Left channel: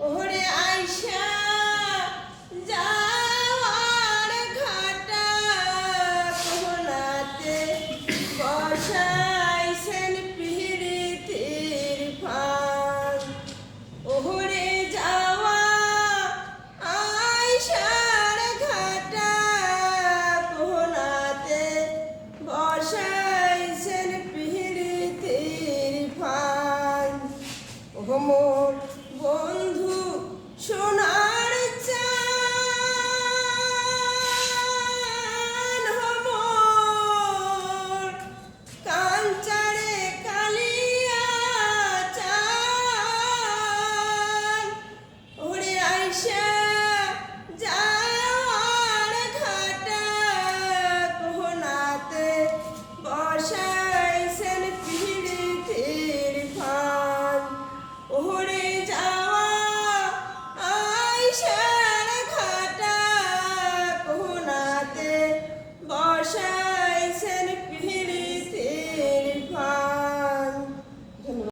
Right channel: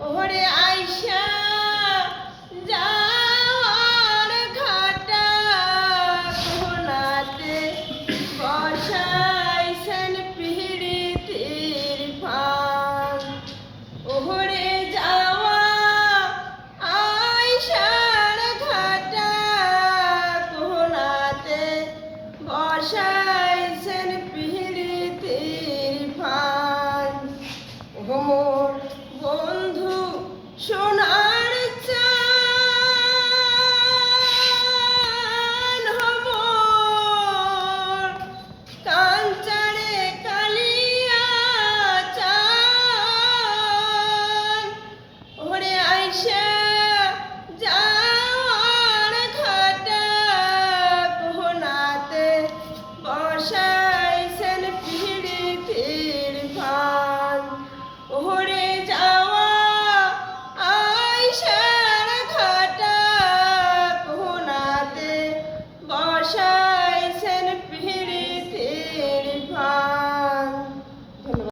ওরে আইসা বসাইছেন পিড়িতির ফান ওহরে যাওয়া আইসার ঘাটা। কোনাতে বসা